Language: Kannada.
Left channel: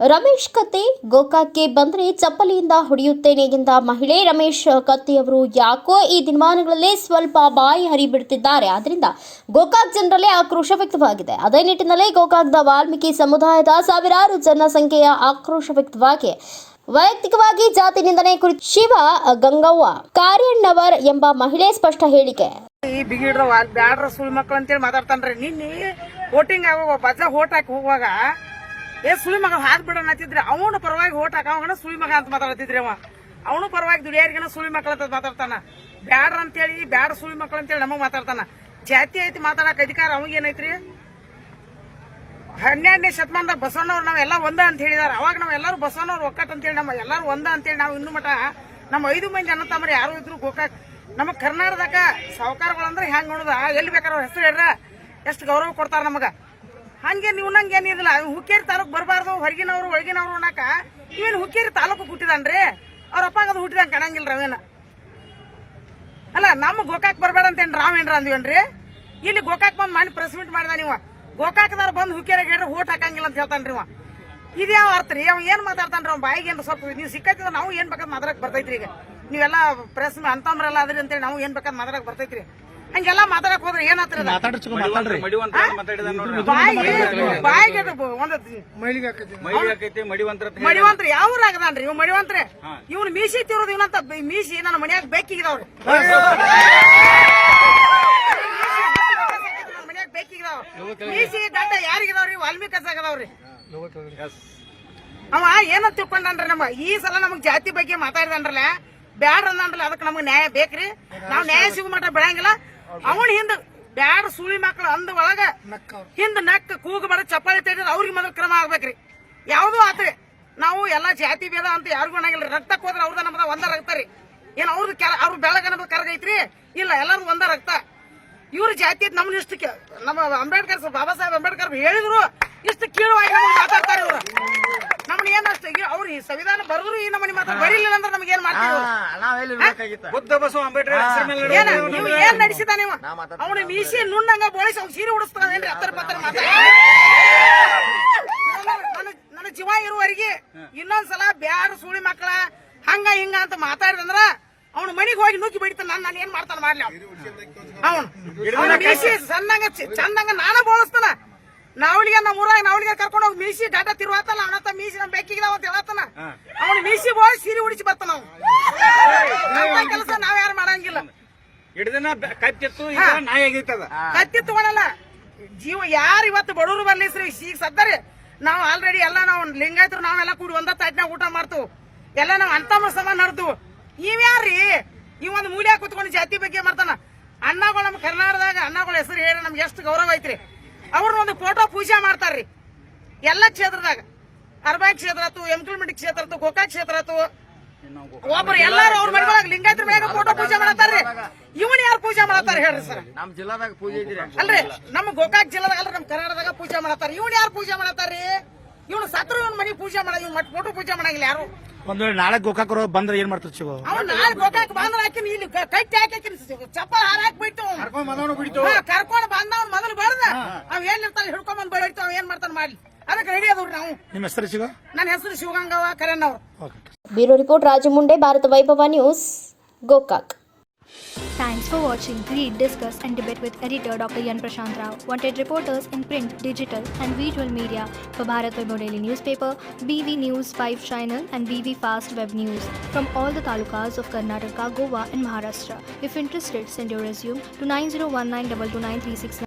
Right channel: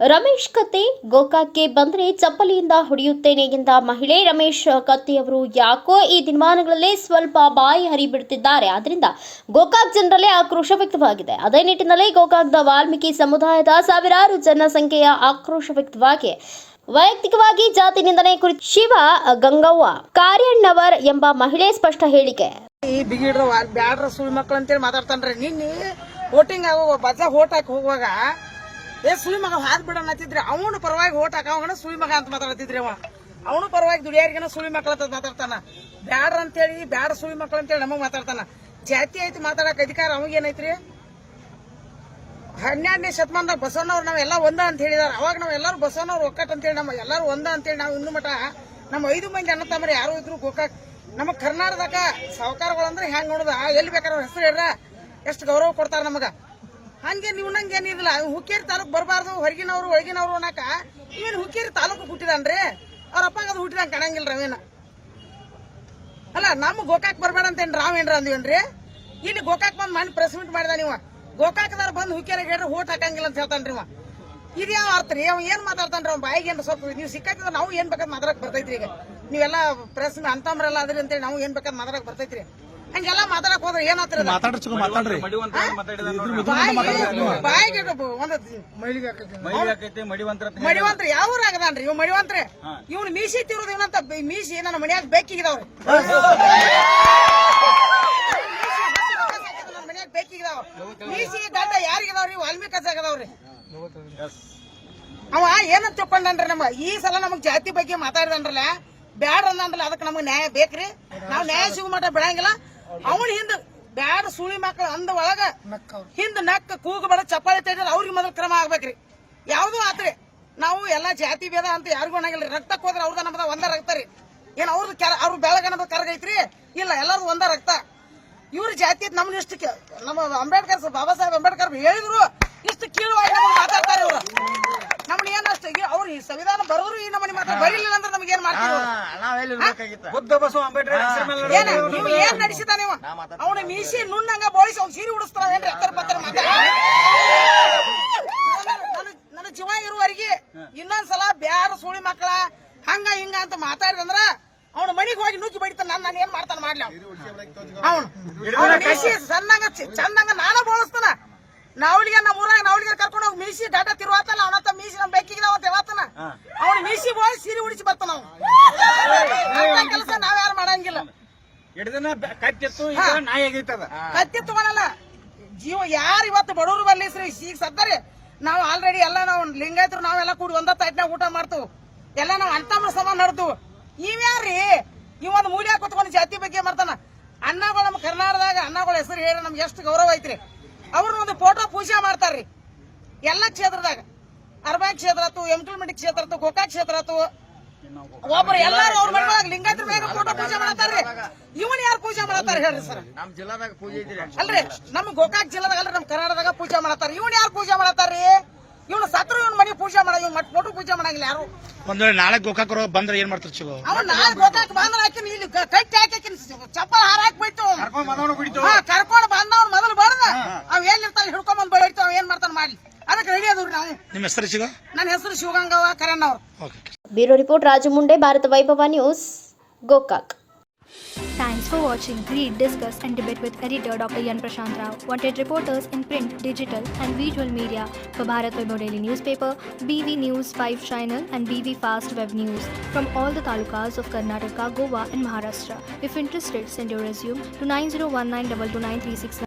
ರಮೇಶ್ ಕತ್ತಿ ಗೋಕಾಕ್ಗೆ ಬಂದರೆ ಚಪ್ಪಲಿಯಿಂದ ಹೊಡೆಯುತ್ತೇನೆ ಎಂದ ಮಹಿಳೆ ರಮೇಶ್ ಕತ್ತಿಯವರು ಯಾಕೋ ಈ ದಿನಮಾನಗಳಲ್ಲಿ ಸ್ವಲ್ಪ ಬಾಯಿ ಹರಿಬಿಡುತ್ತಿದ್ದಾರೆ. ಆದ್ದರಿಂದ ಗೋಕಾಕ್ ಜನರಲ್ಲೇ ಆಕ್ರೋಶ ವ್ಯಕ್ತವಾಗಿದೆ. ಅದೇ ನಿಟ್ಟಿನಲ್ಲಿ ಗೋಕಾಕ್ದ ವಾಲ್ಮೀಕಿ ಸಮುದಾಯದ ಸಾವಿರಾರು ಜನಸಂಖ್ಯೆಯ ಆಕ್ರೋಶ ವ್ಯಕ್ತವಾಗಿ ವೈಯಕ್ತಿಕವಾಗಿ ಜಾತಿ ನಿಂದನೆ ಕುರಿತು ಶಿವ ಗಂಗವ್ವ ಕಾರ್ಯಣ್ಣವರ್ ಎಂಬ ಮಹಿಳೆ ಸ್ಪಷ್ಟ ಹೇಳಿಕೆ. ಈ ಬಿಗಿಡ್ರ ಬ್ಯಾಡ್ರ ಸುಳಿ ಮಕ್ಕಳು ಅಂತೇಳಿ ಮಾತಾಡ್ತಾನ್ರಿ. ನಿನ್ನೆ ವೋಟಿಂಗ್ ಆಗೋ ಬಜ ಹೋಟ್ ಹಾಕಿ ಹೋಗುವಾಗ ಸುಳಿ ಮಗ ಹಾದ್ ಬಿಡೋಣ ಅಂತಿದ್ರಿ. ಅವನು ಪರವಾಗಿ ಹೋಟ್ ಹಾಕೋಣ ಸುಳಿ ಮಗ ಅಂತ ಮಾತಾಡ್ತಿದ್ರಿ. ಅವನು ಪರವಾಗಿ ದುಡಿಯಾರಿಗನ ಸುಳಿ ಮಕ್ಕಳ ಅಂತ ಮಾತಾಡ್ತಾನ. ಬ್ಯಾಡ್ರ ಅಂತೇಳಿ ಬ್ಯಾಡ ಸುಳಿ ಮಕ್ಕಳು ಅಂತೇಳಿ ನಮಗ್ ಮಾತಾಡ್ತಾನ. ಜಾತಿ ಐತಿ ಮಾತಾಡಕ್ ಅಧಿಕಾರ ಅವಾಗೇನೈತ್ರಿ? 12ನೇ ಶತಮಾನದಾಗ ಬಸವಣ್ಣವ್ರು ನಾವೆಲ್ಲ ಒಂದ ಅಂತ ಹೇಳಿದಾರ. ಅವಾಗ ನಾವೆಲ್ಲರೂ ಬಸವಣ್ಣವ್ರು ಒಕ್ಕಟ್ ಅಂತೇಳಿ ನಮ್ಮ ಎಲ್ಲರೂ ಒಂದ ಅಂತೇಳಿ ನಾವು ಇನ್ನು ಮಠ ನಮ್ಮ 5 ಮಂದಿ ಅಣ್ಣ ತಮ್ಮರು ಯಾರು ಇದ್ರು ಗೋಕಾಕ್ ನಮ್ಮ ಕರ್ನಾಟಕದಾಗ ಸಾವುಕಾರಗಳಂದ್ರೆ ಹೆಂಗ್ ನೋಡುದ ಎಲ್ಲಿ ಬೇಕಾರ ಅವ್ರ ಹೆಸರು ಹೇಳ್ರ ಎಷ್ಟು ಗೌರವ ಕೊಡ್ತಾರ ನಮಗ. ಹಂಗೆ ನೀವು ನಂಗೇನಿದಿಲ್ಲ. ಹುಕ್ಕೇರಿ ತಾಲೂಕು ಬರಬಾರ್ದು, ಹೊರಗಿನವ್ರು ಒಳಗಿನವ್ರು ಅನ್ನಕ ಇವೇನು ಹುಕ್ಕೇರಿ ತಾಲೂಕು ಹುಟ್ಟಿದಾನ್ರಿ. ಅವ್ರ ಅಪ್ಪಾಗ ಅದು ಹುಟ್ಟಿದಂಗ ಕಾಣಂಗಿಲ್ಲ ರವೇನ. ಅಲ್ಲ ನಮ್ಮ ಗೋಕಾಕ್ ಬರಬೇಡ ಅಂತೇನು ರಾವೇನ್ರ ಅಂದಿವೇನ್ರಿ? ಇಲ್ಲಿ ಗೋಕಾಕ್ ಬಂದ್ ಮಾಡಿ ಪ್ರೆಸ್ ಮೀಟ್ ಮಾಡಿದ. ನೀವು ಗೋಕಾಕ್ದಾರ ಬಂದು ಹುಕ್ಕೇರಿಗೆ ಹೇಳ್ರಿ ಓಟ್ ಹಾಕಂಗಿಲ್ಲ ಅಂತ ಹೇಳ್ತಾನ್ರಿ. ಇದು ಯಾವ ಅರ್ಥ ರೀ? ಅವ ಏನ್ ಮಾತಾಡ್ತಾನ್ರಿ? ಅವ್ನ ಬಾಯಿಗೆ ಏನ್ ಸ್ವಲ್ಪ ನೀವು ಸಿಕ್ಕತ್ತಿದ್ರೆ ನಾವು ಏನ್ ಬೇಕಾದ್ ಮಾತಾಡಕ್ ಬರ್ತೈತ್ರಿ. ಈಗ ನೀವೆಲ್ಲ ಪ್ರೆಸ್ ಅಂತಂಬ್ರಲ್ಲ ಅದ್ರಿ ಅಂತೇಳಿ ನಾವು ಏನ್ ಬೇಕಾದ್ ಮಾತಾಡಕ್ ಬರ್ತೈತ್ರಿ. ಹಂಗೆಲ್ಲ ಮಾತಾಡಕ್ ಹೋದ್ರೆ ಏನಾಗ್ತದೆ? ಮಡಿವಂತ್ರಿ ಯಾವ ಆಗದಾನ್ರಿ ಇವ್ ಮಡಿವಂತ್ರಿ. ಇವ್ನು ಮೀಸಿ ತಿರೋದು ಇವನಂತ ಮೀಸಿ ನನ್ನ ಮನ್ಯಾಗ ಬೇಕಿಗಿದಾವ್ರಿ. ನನ್ನ ಮನ್ಯಾಗ ಬೇಕಿಗಿದಾವ ಮೀಸಿ ದಾಟ ಯಾರಿಗಿದಾವ್ರಿ? ವಾಲ್ಮೀಕಿ ಆಗದಾವ್ರಿ. ಅವ ಏನಂತ ತಿಳ್ಕೊಂಡ್ರಿ? ನಮ್ಮ ಈ ಸಲ ನಮಗ್ ಜಾತಿ ಬಗ್ಗೆ ಮಾತಾಡಿದನ್ರಲ್ಲ, ಬ್ಯಾಡ್ರ ಅಂದ್ರಲ್ಲ, ಅದಕ್ಕೆ ನಮಗ್ ನ್ಯಾಯ ಬೇಕ್ರಿ. ನಾವ್ ನ್ಯಾಯ ಸಿಗು ಮಟ್ಟ ಬೆಳಂಗಿಲ್ಲ. ಅವನ್ ಹಿಂದ ಬ್ಯಾಡ ಸುಳಿ ಮಕ್ಕಳು ಅಂದ ಒಳಗ ಹಿಂದ ನಕ್ಕ ಕೂಗು ಬೇಡ ಚಪ್ಪಾಳಿ ತೆಗೆದ್ರೆ ಅವ್ರಿಗೆ ಮೊದಲು ಕ್ರಮ ಆಗ್ಬೇಕ್ರಿ. ಯಾವ್ದು ಆತ್ರಿ. ನಾವು ಎಲ್ಲಾ ಜಾತಿ ಭೇದ ಅಂತ ಯಾರಿಗೂ ಅನ್ನಂಗಿಲ್ಲ. ರಕ್ತಕ್ಕೆ ಹೋದ್ರೆ ಅವ್ರದ ನಮ್ದ ಒಂದ ರಕ್ತ ರೀ. ಏನ್ ಅವ್ರ ಬೆಳಗನದ ಕರಗೈತ್ರಿ? ಇಲ್ಲ, ಎಲ್ಲಾರು ಒಂದ ರಕ್ತ. ಇವ್ರ ಜಾತಿ ನಮ್ನ ಇಷ್ಟಕ್ಕೆ ನಮ್ಮ ಅಂಬೇಡ್ಕರ್ ಬಾಬಾ ಸಾಹೇಬ್ ಅಂಬೇಡ್ಕರ್ ಹೇಳಿದ್ರು ಇಷ್ಟು ಕೀಳುವಾಗಿ ನಮ್ಗೆ ಮಾತಾಡ್ತಾರೆ ಇವ್ರು. ನಮ್ನ ಏನ್ ಅಷ್ಟ ಅವ್ರು ಈ ಸಂವಿಧಾನ ಬರೋದ್ರು ಈ ನಮ್ಮನೆ ಮಾತಾಡ ಬರೀಲಿಲ್ಲ ಅಂದ್ರೆ ನಮ್ಗೆ ಏನ್ ಮಾಡ್ತೀವಿ? ಏನ ನೀವು ಏನ್ ನಡೆಸಿದ? ನೀವು ಅವ್ನ ಮೀಸಿ ನುಣ್ಣಂಗ ಬೋಳಿಸಿ ಅವ್ನು ಸೀರೆ ಉಡಿಸ್ತಾವೇನ್ರಿ? ಹತ್ತರ ಪತ್ತರ ಮಾತಾಡ ನನ್ನ ಜೀವ ಇರುವವರೆಗೆ ಇನ್ನೊಂದ್ಸಲ ಬ್ಯಾಡ ಸುಳಿ ಮಕ್ಕಳ ಹಂಗ ಹಿಂಗ ಅಂತ ಮಾತಾಡಿದಂದ್ರ ಅವ್ನ ಮನಿಗೆ ಹೋಗಿ ನುಗ್ಗಿ ಬಡಿತಾನ. ನಾನು ಏನ್ ಮಾಡ್ತಾನ ಮಾಡ್ಲಿ? ಅವ್ನು ಮೀಸಿ ಚಂದಂಗ ನಾನ ಬೋಳಿಸ್ತಾನ. ನಾವಳಿಗೆ ನಮ್ಮ ಊರಾಗ ನಾವಳಿಗೆ ಕರ್ಕೊಂಡು ಹೋಗಿ ಮೀಸಿ ಡಾಟಾ ತಿರುವಾತಲ್ಲ ಅವನತ್ತ ಮೀಸಿ ನಮ್ ಬೇಕಿಗೆ ಅಂತ ಹೇಳತ್ತಾನ. ಅವ್ನು ಮೀಸಿ ಬೋಳಿ ಸೀರೆ ಉಡಿಸಿ ಬರ್ತಾನ. ಅವ್ನು ಕೆಲಸ ನಾವ್ ಯಾರು ಮಾಡಂಗಿಲ್ಲ. ಕತ್ತಿ ತಗೊಳಲ್ಲ. ಜೀವ ಯಾರು ಇವತ್ತು ಬಡವರು ಬರ್ಲಿಸ್ರಿ ಈಗ ಸತ್ತರಿ. ನಾವು ಆಲ್ರೆಡಿ ಎಲ್ಲ ನಾವು ಲಿಂಗಾಯತರು ನಾವೆಲ್ಲ ಕೂಡಿ ಒಂದ ತಾಟ್ನಾಗ ಊಟ ಮಾಡ್ತೇವೆ. ಎಲ್ಲ ನಾವ್ ಅಂತಮ್ಮ ಸಮಾನ ನಡ್ದು. ಇವ್ಯಾರ್ರಿ ಇವೊಂದು ಮೂಲ್ಯ ಕುತ್ಕೊಂಡು ಜಾತಿ ಬಗ್ಗೆ ಮಾಡ್ತಾನ. ಅಣ್ಣಗಳು ನಮ್ಮ ಕರ್ನಾಟಕದಾಗ ಅಣ್ಣಗಳ ಹೆಸರು ಹೇಳಿ ನಮ್ಗೆ ಎಷ್ಟು ಗೌರವ ಐತ್ರಿ. ಅವ್ರನ್ನ ಒಂದು ಫೋಟೋ ಪೂಜೆ ಮಾಡ್ತಾರ್ರಿ ಎಲ್ಲ ಕ್ಷೇತ್ರದಾಗ. ಅರ್ಬಾಯಿ ಕ್ಷೇತ್ರ ಆತು, ಯಮಕಲ್ಮಂಡಿ ಕ್ಷೇತ್ರ ಆತು, ಗೋಕಾಕ್ ಕ್ಷೇತ್ರ ಆತು. ಒಬ್ರು ಎಲ್ಲಾರು ಅವ್ರ ಮನೆಯೊಳಗ ಲಿಂಗಾಯತರ ಮ್ಯಾಗ ಫೋಟೋ ಪೂಜೆ ಮಾಡತ್ತಾರ್ರಿ. ಇವನ್ ಯಾರು ಪೂಜೆ ಮಾಡತ್ತಾರ ಹೇಳ್ರಿ ಸರ್? ಅಲ್ರಿ ನಮ್ಮ ಗೋಕಾಕ್ ಜಿಲ್ಲಾದಾಗ ಅಲ್ರಿ ನಮ್ಮ ಕರ್ನಾಟಕದಾಗ ಪೂಜೆ ಮಾಡತ್ತಾರ. ಇವನ್ ಯಾರು ಪೂಜೆ ಮಾಡತ್ತಾರ್ರಿ? ಇವನು ಸತ್ರು ಇವನ್ ಮನೆ ಪೂಜೆ ಮಾಡ ಇವ್ ಫೋಟೋ ಪೂಜೆ ಮಾಡಂಗಿಲ್ಲ ಯಾರು. ಒಂದ್ ವೇಳೆ ನಾಳೆ ಗೋಕಾಕ್ ಬಂದ್ರೆ ಏನ್ ಮಾಡ್ತಾರೆ ಶಿವ? ಅವ್ನು ನಾಳೆ ಗೋಕಾಕ್ ಬಂದ್ರೆ ಹಾಕಿನ ಇಲ್ಲಿ ಕಟ್ಟಿ ಹಾಕಿನ ಚಪ್ಪಲ್ ಹಾರ ಹಾಕ್ಬಿಟ್ಟು ಕರ್ಕೊಂಡು ಬಂದವ್ನು ಮೊದಲು ಬಡ್ದ ಅವ್ ಏನ್ ಇರ್ತಾನೆ ಹಿಡ್ಕೊಂಡ್ ಬಂದ್ ಬೆಳಿತು. ಅವ್ ಏನ್ ಮಾಡ್ತಾನೆ ಮಾಡ್ಲಿ, ಅದಕ್ಕೆ ರೆಡಿ ಅದ್ರಿ ನಾವು. ನಿಮ್ಮ ಹೆಸರು ಶಿವ? ನನ್ನ ಹೆಸರು ಶಿವಗಂಗವ್ವ ಕರಣ್ಣವ್ರು. ಬ್ಯೂರೋ ರಿಪೋರ್ಟ್ ರಾಜು ಮುಂಡೆ, ಭಾರತ ವೈಭವ news, Gokak. Thanks for watching Read, Discuss and Debate with editor Dr. Yan Prashant Rao. Wanted reporters in print, digital and visual media for Bharat Vaibhav Daily Newspaper, BV News 5 Channel and BV Fast Web News from all the talukas of Karnataka, Goa and Maharashtra. If interested, send your resume to 9019229369.